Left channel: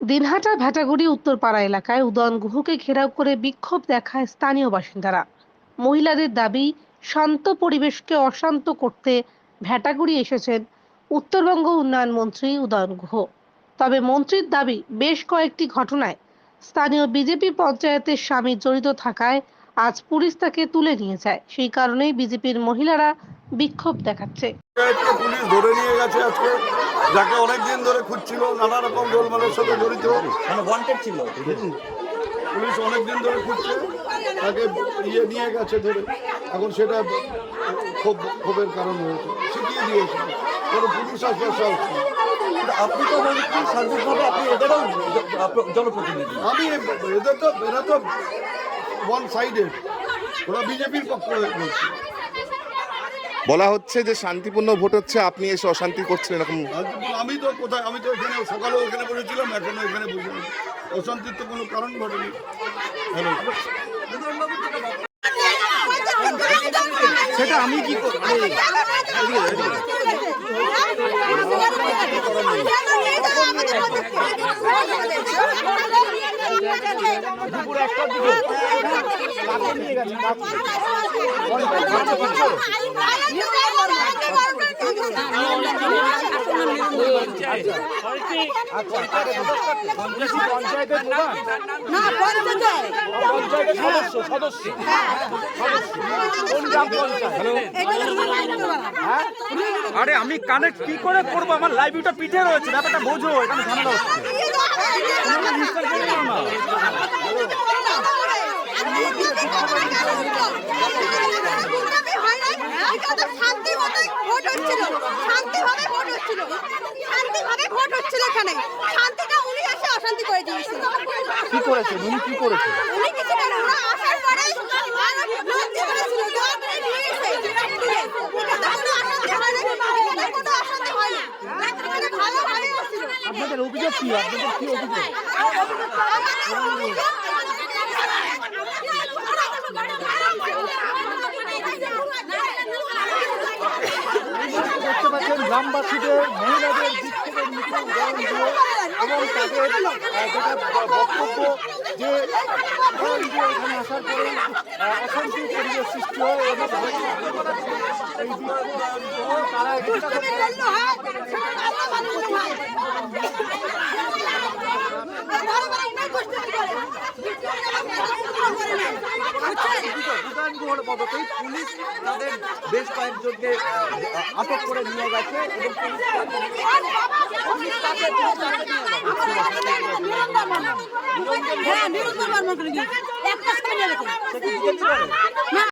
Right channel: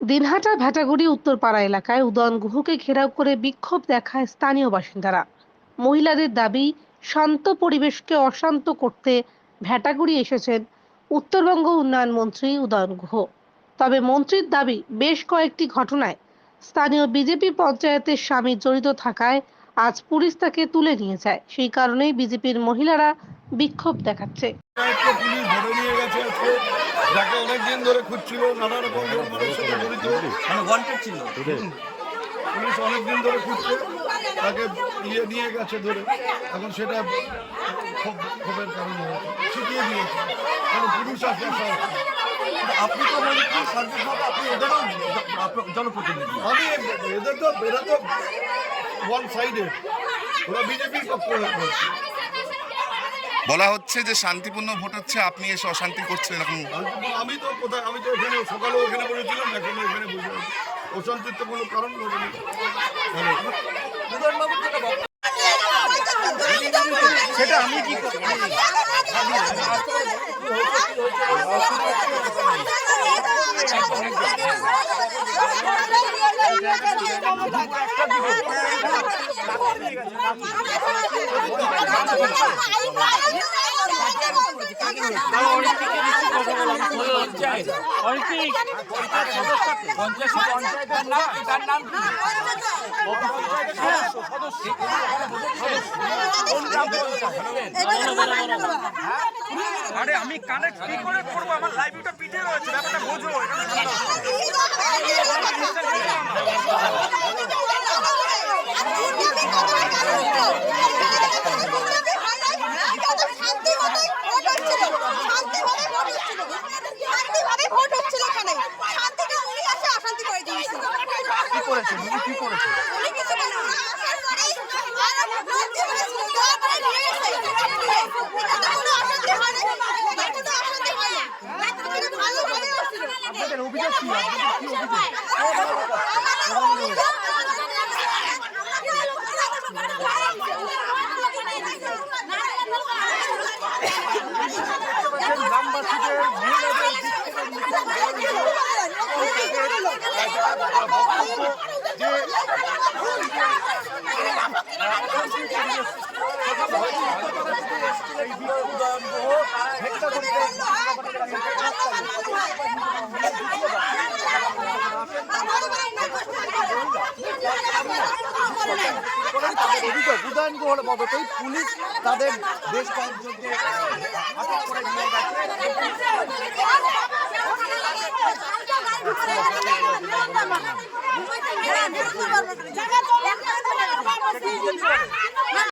দিনহাটা ভেটাগুড়ি উত্তরপাড়া এলাকায় উদয়ন গুহকে ঘেরাও করে বিক্ষোভ দেখায় স্থানীয় বাসিন্দারা। মহিলাদের দাবি, শান্ত পরিবেশকে অশান্ত করতে ভেটাগুড়ি এসেছেন উত্তরবঙ্গ উন্নয়ন মন্ত্রী উদয়ন গুহ। তবে মন্ত্রীর দাবি, বেশ কয়েকটি ঘটনায় স্থানীয় বিজেপি পঞ্চায়েতের স্বামী জড়িত থাকায় আজ পুলিশ তাকে তুলে নিয়ে যায়। সেই কারণেই বিজেপির মহিলারা বিক্ষোভ দেখাচ্ছে। যাকে অনেকদিন ধরে খুঁজছিল নানা রকম গোলমালের সাথে জড়িত। মানে ওয়ান্টেড ছিল। পুলিশ অনেকদিন ধরে খুঁজছে তাকে ইয়ে নিয়ে গেছে ধরে। এখন সেটা ক্ষোভ ক্ষোভের কারণ হয়েছে। শিখিয়ে দিয়েছে। কারণ পুরুষ আসবে সব। আপনি তো এদেরও জনপ্রতিনিধি। আমি এদের তো এরা তো ওয়ান সাইডেড ওরা বিজেপির পক্ষ হয়ে বলা হচ্ছে যে শান্তিপূর্ণ ভোট হচ্ছে আপনি এসে অশান্তি করছেন এরকম। আমি তো কোথায় আমি তো এখানে সকালেও এখানে বসেছিলাম এখনও এখানে আছি। অশান্তির তো কোনো কারণ ঘটেনি। সেটা আমি কি করব? আরে আমি কানেক্ট কি করে করব? আমার লাইভটা পিঠে রয়েছে ব্যাপারটা বুঝো এটা সম্ভব। শান্তিভাবে ভোট হচ্ছিল শান্তিভাবে ভোট হচ্ছিল শান্তিভাবে ভোট হচ্ছিল এখানে শান্তিটা উনি এসে অশান্তি করে দিয়েছিল কি করেছে উনি কি করেছে? উনি কিছু না। আসার পরে আরও লোক দিয়ে বলেছিল দেওয়ার পরে নিয়ে তুলে এখানে কোনো অশান্তি হয়নি এখানে কোনো অশান্তি এখানে ভালোভাবে হচ্ছিল আপনাদের অভিযোগ কি? আপনাদের কি অভিযোগ? গ্রামবাসীদের মহিলাদের দিক থেকে যে পুলিশ তাদের বেশ কয়েকজনকে আটক করে নিয়ে গেছে। হ্যাঁ